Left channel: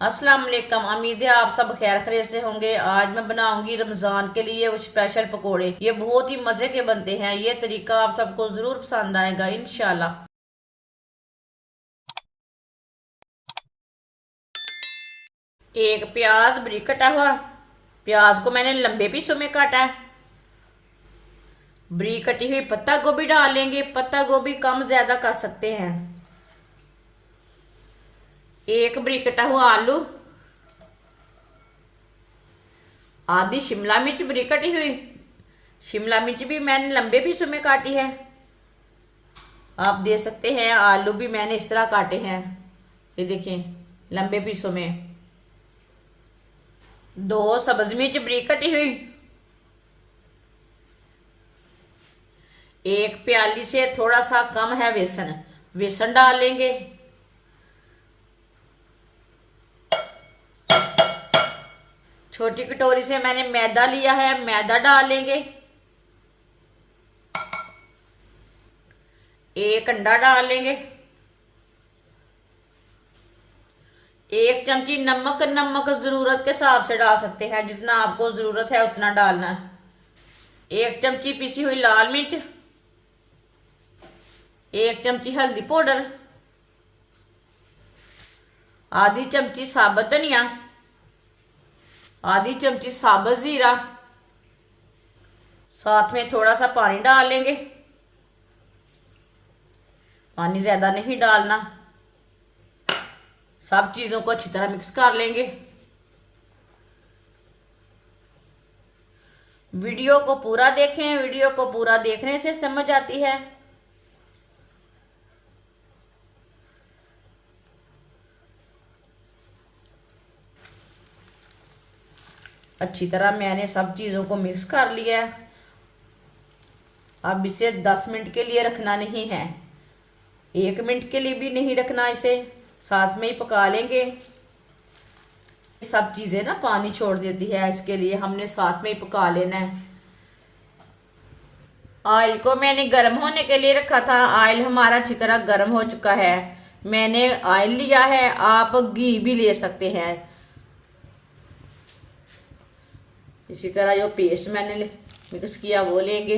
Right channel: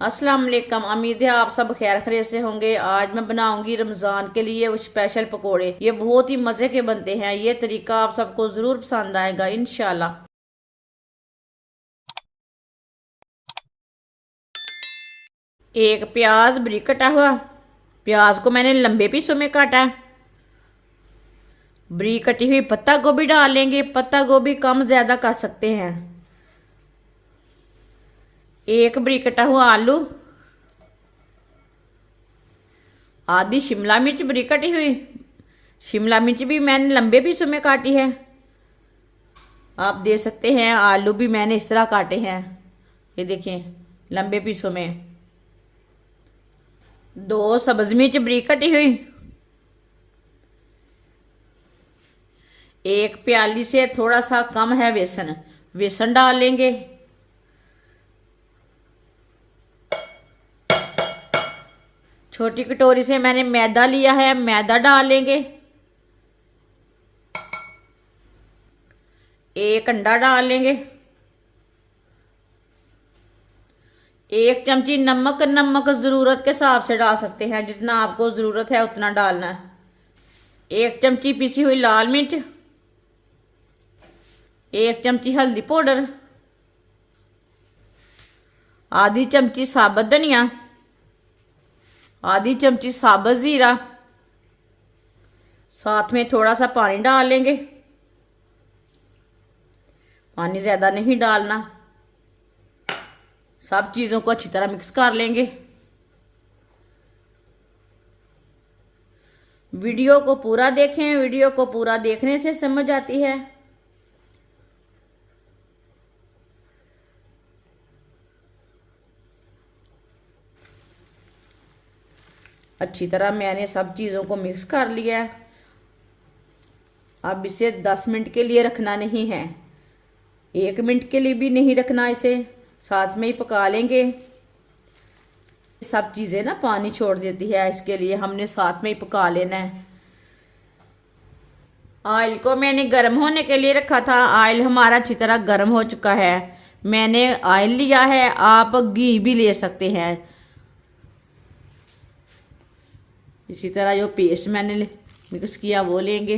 अस्सलाम वालेकुम। उम्मीद है आप सब खैर खैरियत से होंगे। आज मैं बनाऊंगी रमजान के लिए वो स्पेशल पकोड़े। ये बहुत ही मजे के बनते हैं। ये तरीका आप सबको जरूर पसंद आएगा इंशाल्लाह। एक प्याज बारीक कटा हुआ, प्याज को मैंने लंबे पीसों में काटा। बारीक कटी हुई पत्ता गोभी डाल लेंगे। पत्ता गोभी कम ज्यादा कर सकते हैं। एक बारीक कटा हुआ आलू, आधी शिमला मिर्च बारीक कटी हुई। शिमला मिर्च भी मैंने लंबे पीसों में काटी है। आप दे सकते हैं आलू भी मैंने इस तरह काटे हैं। ये देखें लंबे पीसों में। दो सब्ज मिर्च बारीक कटी हुई। एक प्याली से थोड़ा सा कम है बेसन, बेसन डाल लेंगे। छोटी कटोरी से मैंने मैदा लिया है, मैदा डाल लेंगे। एक अंडा डाल लेंगे। एक चमची नमक, नमक जरूरत के हिसाब से डाल सकते हैं, जितना आपको जरूरत है उतना डालना। एक चमची पिसी हुई लाल मिर्च, एक चमची हल्दी पाउडर, आधी चमची साबुत धनिया, आधी चमची साबुत जीरा, साथ में थोड़ा सा पानी डाल लेंगे। पानी ज्यादा नहीं डालना। सब चीजों को अच्छी तरह मिक्स कर लेंगे। वीडियो को पूरा देखें, वीडियो को पूरा देखने से समझ आती है। अच्छी तरह मैंने सब चीजों को मिक्स कर लिया है। अब इसे 10 मिनट के लिए रखना नहीं है, 1 मिनट के लिए भी नहीं रखना, इसे साथ में ही पका लेंगे। सब चीजें ना पानी छोड़ देती है, इसके लिए हमने साथ में ही पका लेना है। ऑयल को मैंने गर्म होने के लिए रखा था। ऑयल हमारा अच्छी तरह गर्म हो चुका है। मैंने ऑयल लिया है, आप घी भी ले सकते हैं। इसी तरह जो पेस्ट मैंने मिक्स किया वो लेंगे।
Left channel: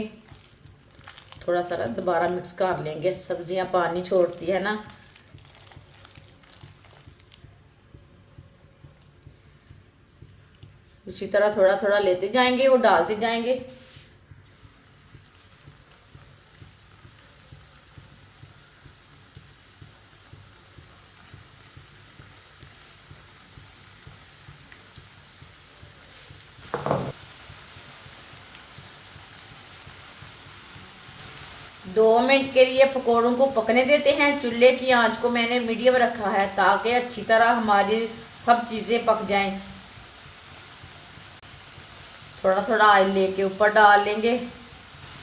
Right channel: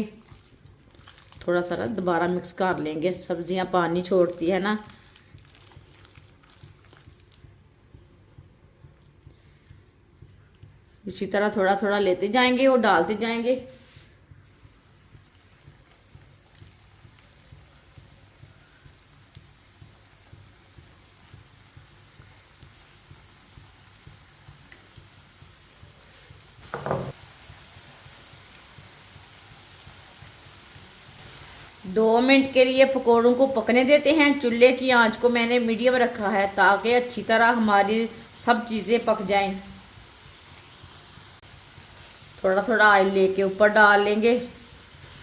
थोड़ा सा दोबारा मिक्स कर लेंगे, सब्जियां पानी छोड़ती है ना। इसी तरह थोड़ा थोड़ा लेते जाएंगे और डालते जाएंगे। दो मिनट के लिए पकौड़ों को पकने देते हैं। चूल्हे की आंच को मैंने मीडियम रखा है ताकि अच्छी तरह हमारी सब चीजें पक जाएं। थोड़ा थोड़ा ऑयल लेके ऊपर डाल लेंगे।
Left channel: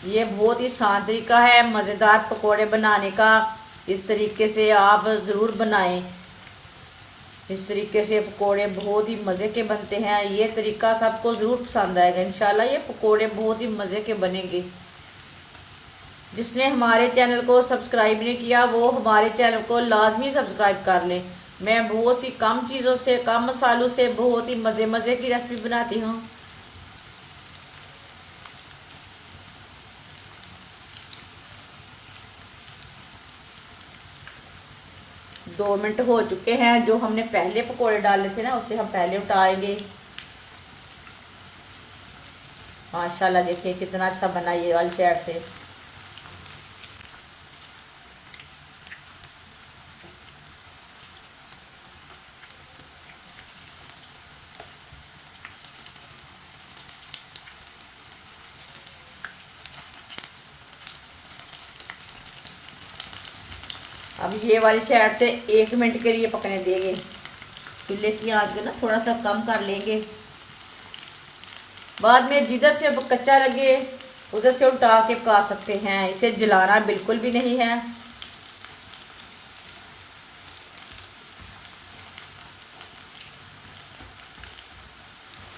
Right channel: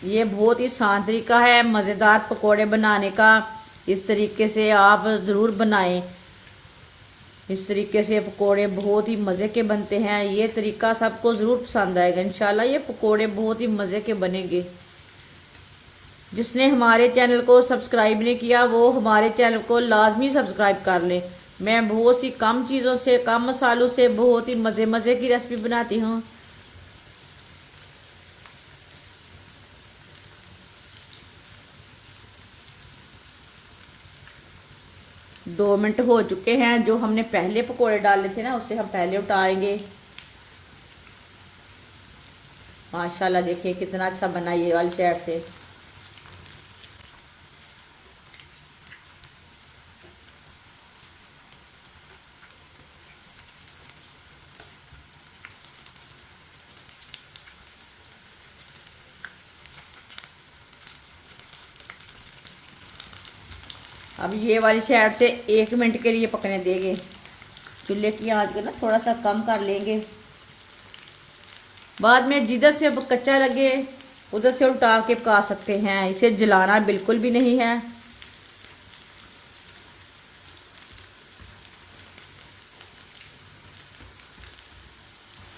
ये बहुत ही आसान तरीका है मज़ेदार पकोड़े बनाने का। इस तरीके से आप ज़रूर बनाएं। इस तरीके से पकोड़े बहुत ही मज़े के बनते हैं। ये तरीका सबको ज़रूर पसंद आएगा इंशाल्लाह। ये पकोड़े बहुत ही मज़े के बनेंगे। जिसने हमारे चैनल को सब्सक्राइब नहीं किया वो हमारे चैनल को लाजमी सब्सक्राइब कर लें। मैं बहुत सी कम चीज़ों से, कम मसालों से बहुत ही मज़े मज़े की रेसिपी बनाती हूँ। 2 मिनट हो चुके हैं। जो हमने पहले पकोड़े डाले थे ना उससे हम पहले उतारेंगे। माशाल्लाह देखिए कितना अच्छा बना ये वाली साइड से। अब ये वाली साइड से 1 मिनट के लिए पकने देंगे। चूल्हे की आंच को ना थोड़ा सा कम कर लेंगे। बाद में जिधर से अब कच्चा लगे उधर से उल्टा के पका सकते हैं। इसे जलाना बिल्कुल भी नहीं है।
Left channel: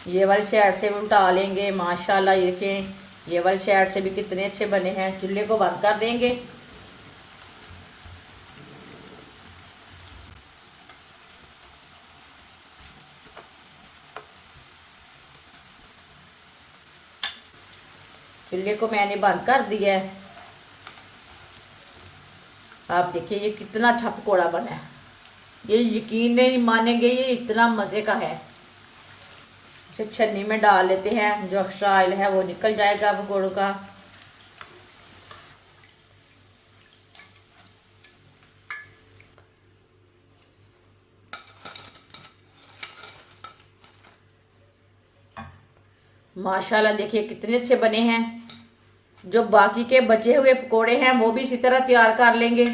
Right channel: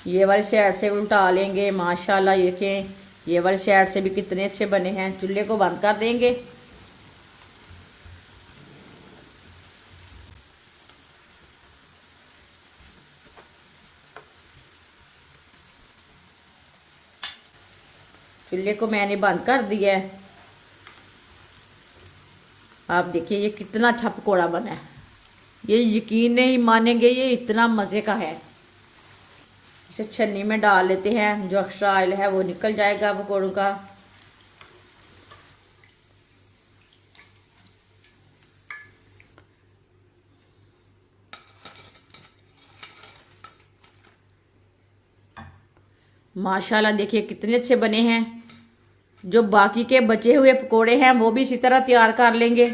ये वाली साइड से उल्टा लेंगे। माशाल्लाह देखें ये वाली साइड से भी कितने अच्छे बने हैं। चूल्हे को बंद कर देंगे। चूल्हे को मैंने बंद कर दिया है। आप देखिए ये कितना अच्छा पकौड़ा बना है, ये यकीन नहीं मानेंगे, ये इतना मज़े का है। इसे छन्नी में डाल लेते हैं, जो एक्स्ट्रा ऑयल है वो निकल जाएगा पकौड़ों का। माशाल्लाह देखिए कितने अच्छे बने हैं। जो बाकी के बचे हुए पकोड़े हैं वो भी इसी तरह तैयार कर लेंगे।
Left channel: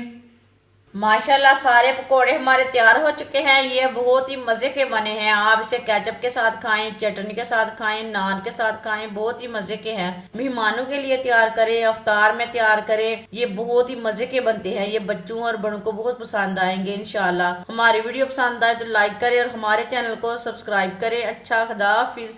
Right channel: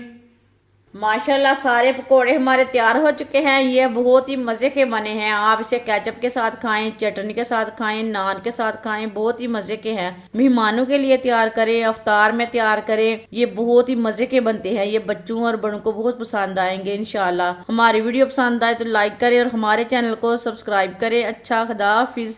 माशाल्लाह सारे पकोड़े हमारे तैयार हो चुके हैं। ये बहुत ही मज़े के बने हैं। आप इसे केचप के साथ खाएं, चटनी के साथ खाएं, नान के साथ खाएं, बहुत ही मज़े के हैं। मेहमानों के लिए तैयार करें, अफ्तार में तैयार करें, ये बहुत ही मज़े के बनते हैं। ये बच्चों और बड़ों को बहुत पसंद आएंगे इंशाल्लाह। हमारी वीडियो पसंद आए तो लाइक करें और हमारे चैनल को सब्सक्राइब करें। अच्छा, खुदा हाफिज।